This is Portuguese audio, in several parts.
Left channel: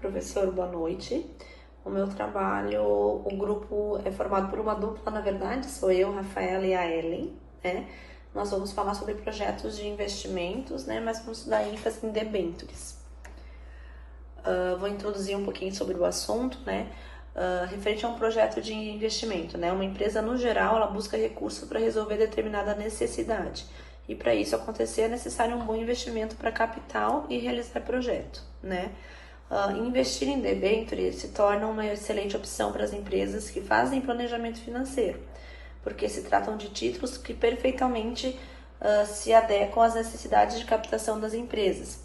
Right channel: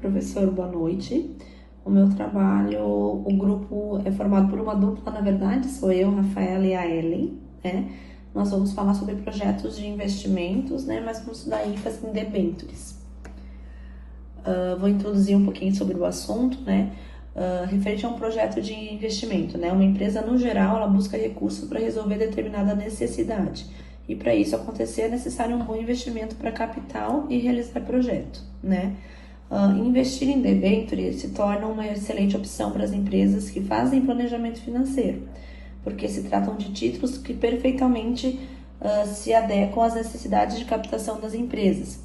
Professor, boa noite. O meu trabalho, o grupo é formado por uma dupla, na verdade, sou eu, Rafaela e a Ellen, né? Nós vamos falar sobre projetos de investimentos, né? Mas vamos dar ênfase em debêntures. Vou introduzir um pouquinho sobre o assunto, né? Referente a um projeto de investimento, né? Uma empresa, no geral, ela busca recurso para resolver determinada necessidade. E para isso acontecer, é necessário um bom investimento para capital e realizar projeto, né? Investir em debênture se torna uma excelente opção para as empresas que fazem planejamento financeiro, porque se tratam de títulos que perfeitamente se adequam às necessidades de captação das empresas.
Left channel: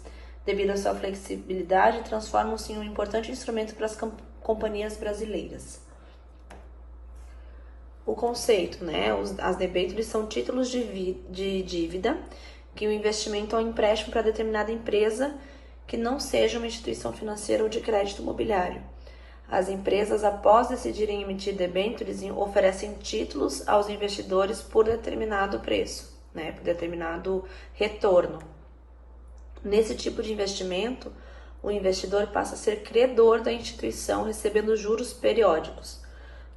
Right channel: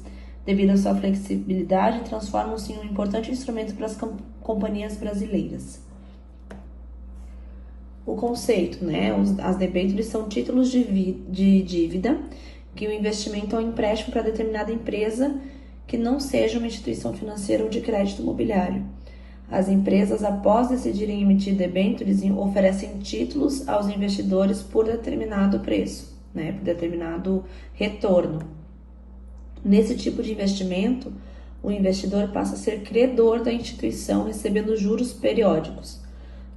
Devido à sua flexibilidade, transformam-se em um importante instrumento para as companhias brasileiras. O conceito, né? As debêntures são títulos de dívida que o investimento é um empréstimo para determinada empresa que não seja uma instituição financeira ou de crédito imobiliário. As empresas, após decidirem emitir debêntures, oferecem títulos aos investidores por determinado preço, né? Por determinado retorno. Nesse tipo de investimento, o investidor passa a ser credor da instituição, recebendo juros periódicos.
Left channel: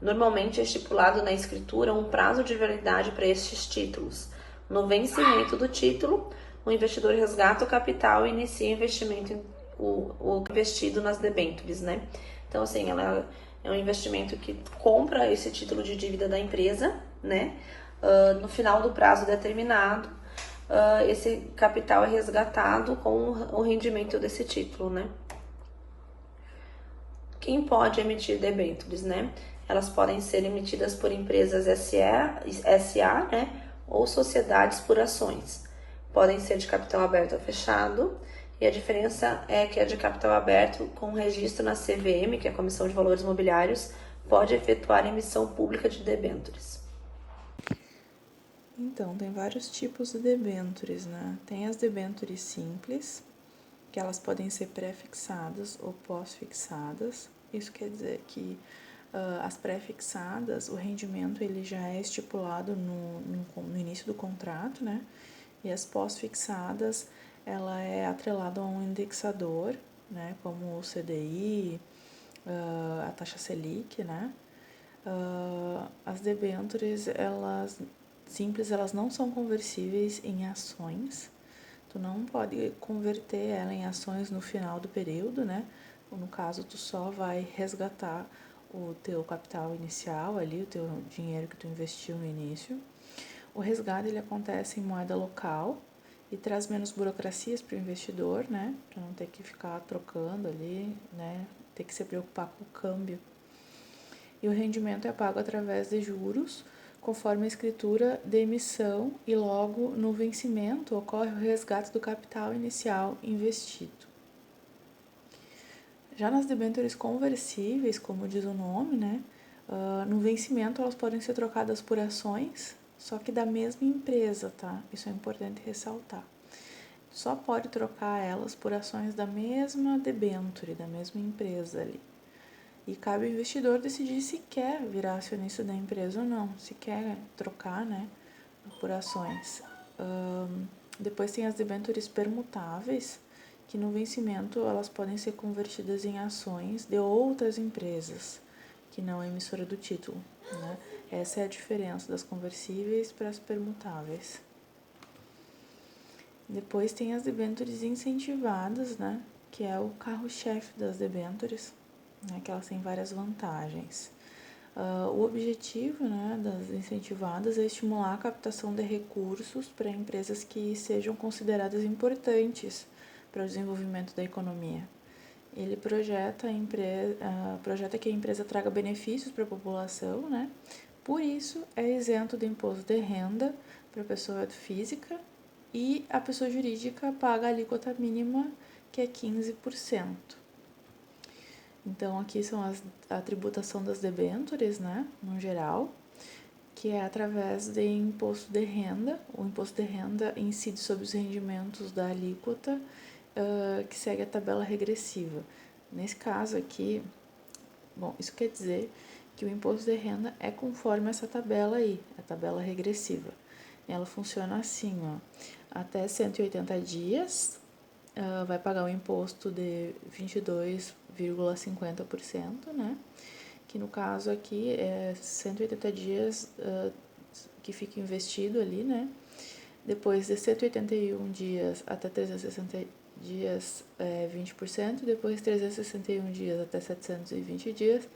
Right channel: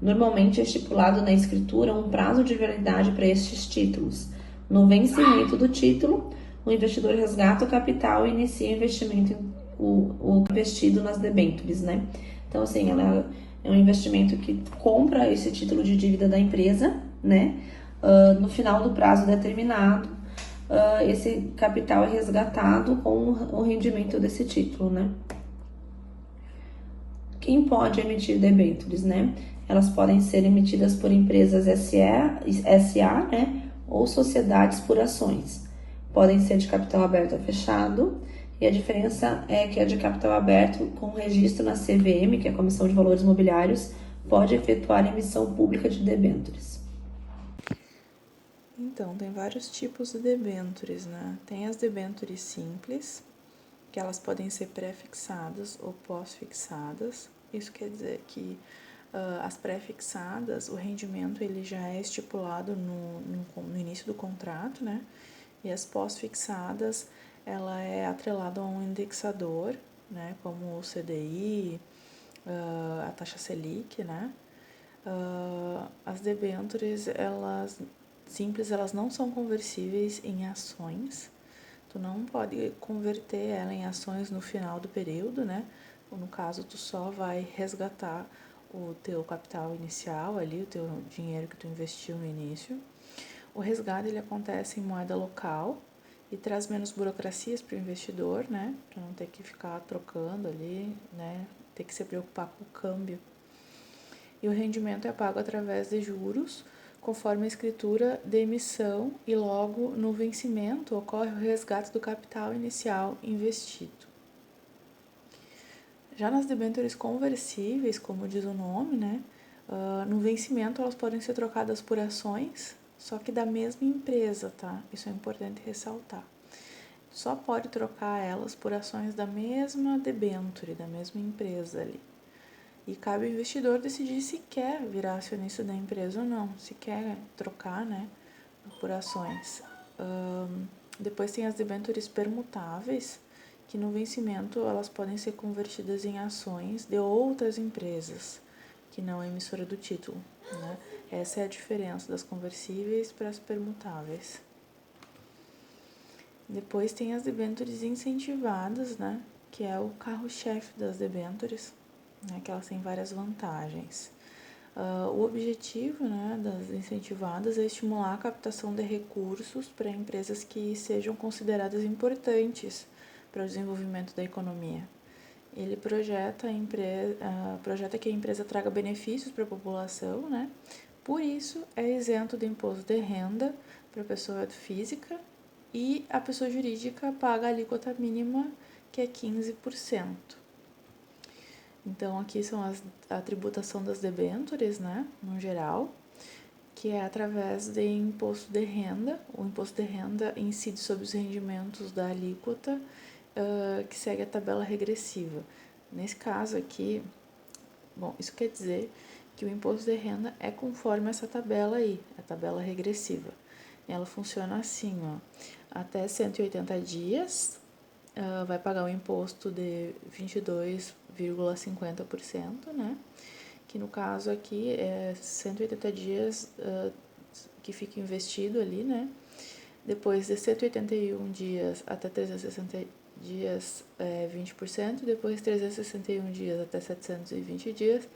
Normalmente é estipulado na escritura um prazo de validade para estes títulos. No vencimento do título, o investidor resgata o capital e inicia o investimento o investido nas debêntures, né? Então, assim, ela é um investimento que compra esse título de dívida da empresa, né? No final do prazo determinado, esse capital é resgatado com o rendimento desse título, né? Quem pode emitir debêntures, né? Elas podem ser emitidas por empresas SA, né? Ou sociedades por ações. Podem ser de capital aberto ou fechado, e a diferença é que a de capital aberto, com registro na CVM, que é a Comissão de Valores Mobiliários, pode efetuar a emissão pública de debêntures. Então, tem vários tipos de debêntures, né? Tem as debêntures simples, que elas podem ser pré-fixadas ou pós-fixadas. Isso quer dizer que as pré-fixadas, o rendimento ele já é estipulado no início do contrato, né? E as pós-fixadas, ela é atrelada a um indexador, né? Como o CDI, a taxa Selic, né? As debêntures, elas simples, elas não são conversíveis em ações. Tu não pode converter ela em ações no final do período, né? Ou no caso, tu só vai resgatar o teu capital inicial ali, o teu dinheiro que tu investiu no início. O resgate, ele acontece em moeda local e traz menos burocracias para o investidor, né? Para não ter que ficar trocando ali, né? Ter que se preocupar com o câmbio. E o rendimento é pago através de juros, conforme a escritura de emissão, e logo no vencimento ocorre o resgate do capital inicial investido. Já nas debêntures conversíveis, como diz o nome, né, no vencimento elas podem ser trocadas por ações, só que da mesma empresa, tá? Isso é importante ressaltar. Só pode trocar elas por ações da mesma debênture, da mesma empresa ali. E cabe ao investidor decidir se quer virar acionista da empresa ou não, se quer trocar, né, por ações. Depois tem as debêntures permutáveis, que no vencimento elas podem ser convertidas em ações de outras empresas, que não é emissora do título, né? Essa é a diferença das conversíveis para as permutáveis. Depois tem as debêntures incentivadas, né, que é o carro-chefe das debêntures, né, que elas têm várias vantagens. O objetivo, né, das incentivadas é estimular a captação de recursos para empresas que sejam consideradas importantes para o desenvolvimento da economia. Ele projeta que a empresa traga benefícios para a população, né? Por isso, é isento de imposto de renda para a pessoa física e a pessoa jurídica paga a alíquota mínima, que é 15%. Então, aqui são a tributação das debêntures, né, no geral, que é através de imposto de renda. O imposto de renda incide sobre os rendimentos da alíquota, que segue a tabela regressiva. Nesse caso aqui, bom, isso quer dizer que o imposto de renda é conforme essa tabela aí, a tabela regressiva. Ela funciona assim, ó, até 180 dias, vai pagar um imposto de 22,50%, né? Que no caso aqui é 180 dias que fica investido ali, né? Depois de 181 dias até 360 dias, 20%. Depois de 361 dias até 720 dias,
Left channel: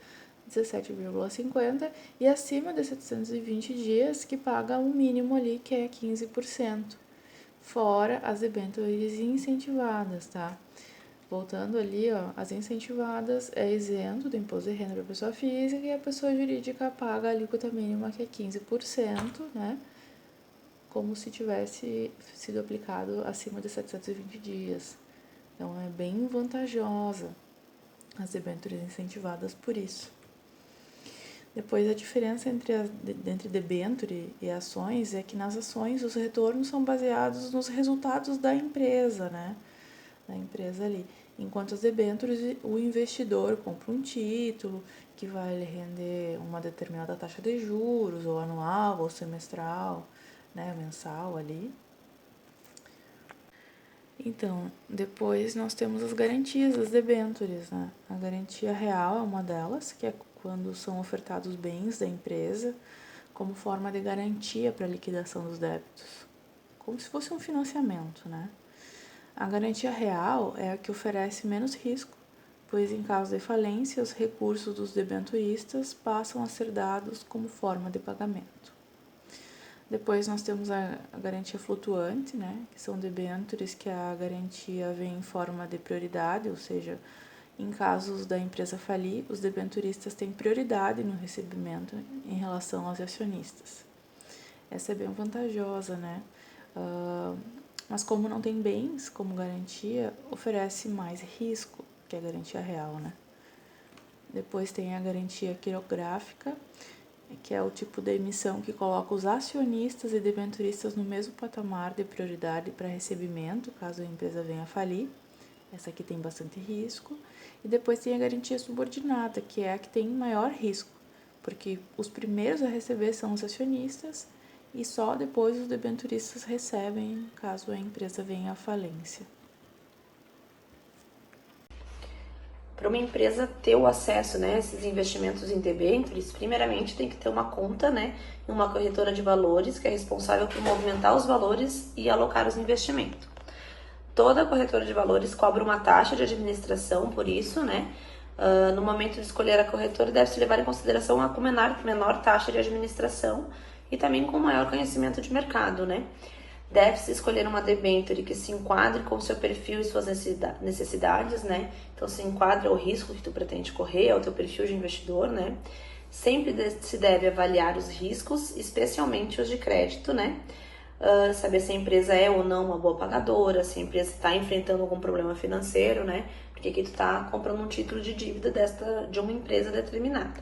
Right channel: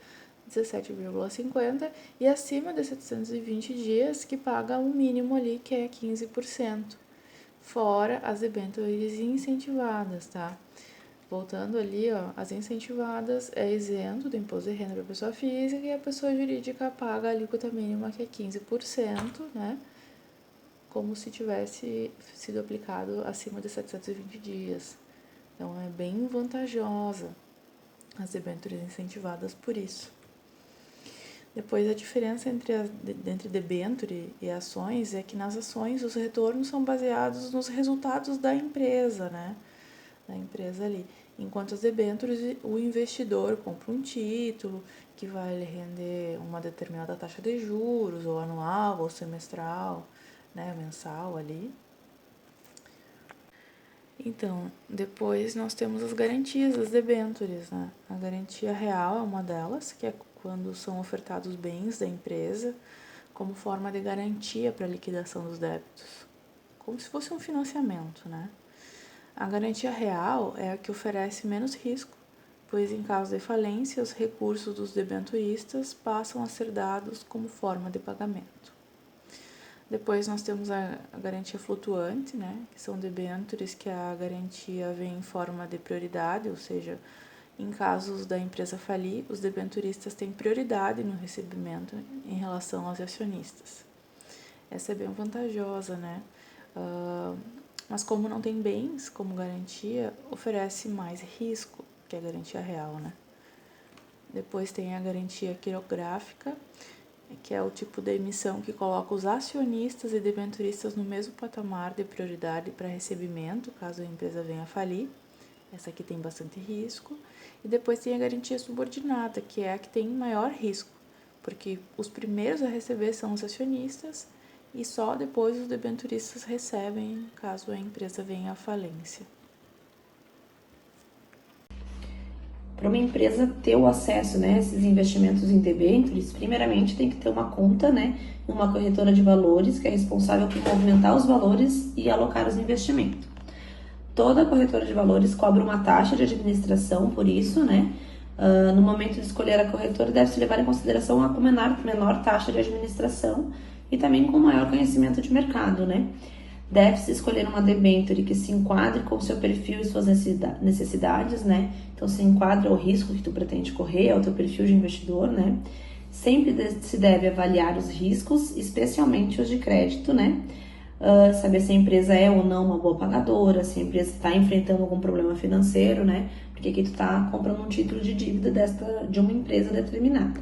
17,50%. E acima de 720 dias, que paga um mínimo ali, que é 15%. Fora as debêntures incentivadas, tá? Voltando ali, ó, as incentivadas é isento do imposto de renda para a pessoa física e a pessoa jurídica paga a alíquota mínima, que é 15%, né? Como se tivesse sido aplicado acima de 720 dias. Então, é bem vantajosa as debêntures incentivadas por isso. Depois, a diferença entre debênture e ações é que nas ações os retornos são baseados nos resultados da empresa, né? Da empresa ali. Enquanto as debêntures, o investidor compra um título que vai lhe render uma determinada taxa de juros, ou anual, ou semestral, né, mensal ali. Então, depois nós temos as garantias das debêntures, né? A garantia real é uma delas, que é quando são ofertados bens da empresa como forma de garantia para a liquidação dos débitos, como se fosse um financiamento, né? A garantia real é a que oferece menos risco, pois em caso de falência, os recursos dos debenturistas passam a ser dados como forma de pagamento. Depois nós temos a garantia flutuante, né, que são debêntures que a garantia vem em forma de prioridade, ou seja, em casos da empresa falir, os debenturistas têm prioridade no recebimento em relação aos acionistas. Essa é bem vantajosa, né? Mas como não tem bens como garantia, oferece mais risco que a garantia real, né? Depois tem a garantia quirográfica, que é o tipo de emissão que coloca os acionistas e debenturistas no mesmo patamar de prioridade para recebimento, caso a empresa venha a falir. Essa aqui tem bastante risco. E depois tem a garantia subordinada, que é a que tem maior risco, porque os primeiros a receber são os acionistas e só depois os debenturistas recebem, caso a empresa venha à falência. Para uma empresa ter o acesso, né, a esses investimentos em debêntures, primeiramente tem que ter uma conta, né, numa corretora de valores, que é responsável por movimentar os valores e alocá-los no investimento. Toda corretora de valores cobra uma taxa de administração por isso, né? No momento de escolher a corretora, deve-se levar em consideração a menor taxa de administração e também com maior conhecimento de mercado, né? Deve-se escolher uma debênture que se enquadre com o seu perfil e suas necessidades, né? Então, se enquadra ao risco que tu pretende correr, ao teu perfil de investidor, né? Sempre se deve avaliar os riscos, especialmente os de crédito, né? Saber se a empresa é ou não uma boa pagadora, se a empresa está enfrentando algum problema financeiro, né? Porque aqui tu está comprando um título de dívida de uma empresa determinada.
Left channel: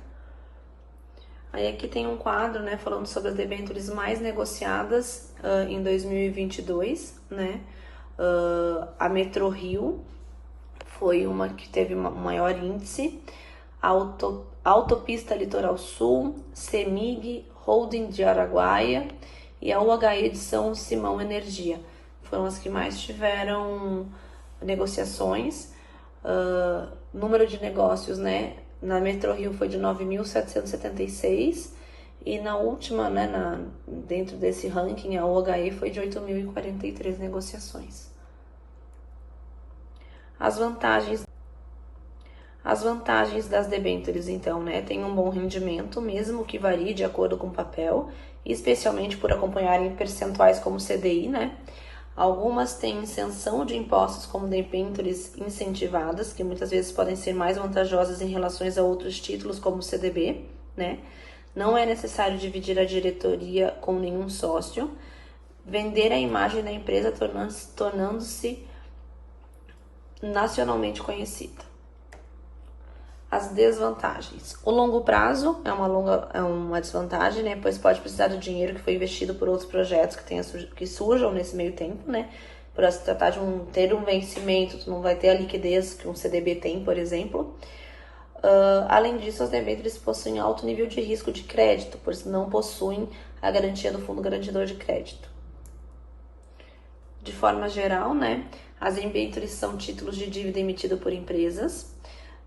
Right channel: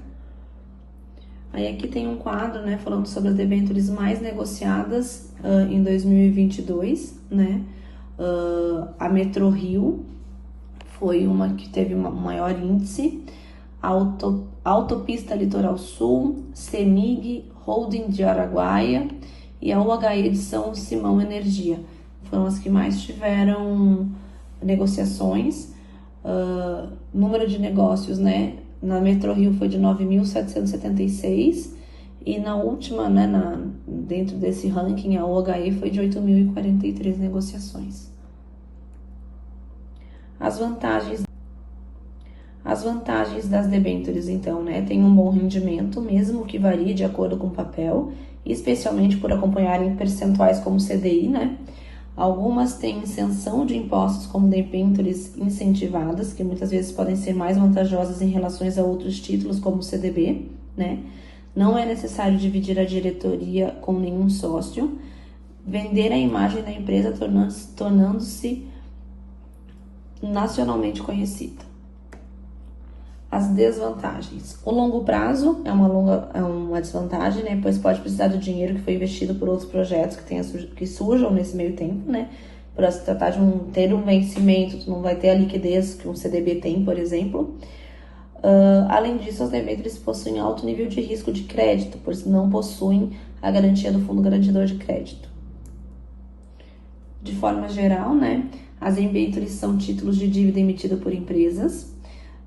Aí aqui tem um quadro, né, falando sobre as debêntures mais negociadas em 2022, né? A Metrorio foi uma que teve um maior índice, Autopista Litoral Sul, CEMIG, Holding de Araguaia e a UHE de São Simão Energia. Foram as que mais tiveram negociações. Número de negócios, né? Na Metrorio foi de 9.776 e na última, né, dentro desse ranking, a UHE foi de 8.043 negociações. As vantagens das debêntures, então, né, tem um bom rendimento, mesmo que varie de acordo com o papel, especialmente por acompanharem percentuais como CDI, né? Algumas têm isenção de impostos como debêntures incentivadas, que muitas vezes podem ser mais vantajosas em relação a outros títulos, como o CDB, né? Não é necessário dividir a diretoria com nenhum sócio. Vender a imagem da empresa tornando-se nacionalmente conhecida. As desvantagens. O longo prazo é uma desvantagem, né? Pois pode precisar do dinheiro que foi investido por outros projetos que surjam nesse meio tempo, né? Por se tratar de ter um vencimento, tu não vai ter a liquidez que um CDB tem, por exemplo. Além disso, as debêntures possuem alto nível de risco de crédito, pois não possuem a garantia do fundo garantidor de crédito. De forma geral, né? As debêntures são títulos de dívida emitida por empresas,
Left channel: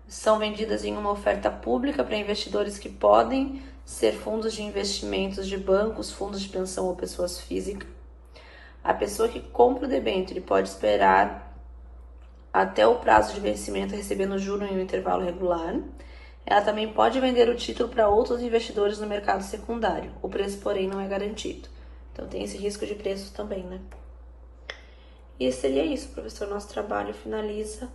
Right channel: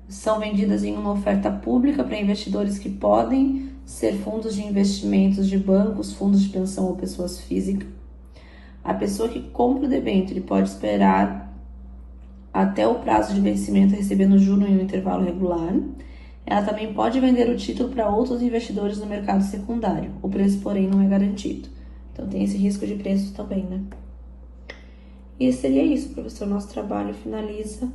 são vendidas em uma oferta pública para investidores que podem ser fundos de investimentos de bancos, fundos de pensão ou pessoas físicas. A pessoa que compra o debênture pode esperar até o prazo de vencimento recebendo juro em um intervalo regular. Ela também pode vender o título para outros investidores no mercado secundário. O preço, porém, não é garantido. Então, tem esse risco de preço também, né? E seria isso, professor. Nosso trabalho finaliza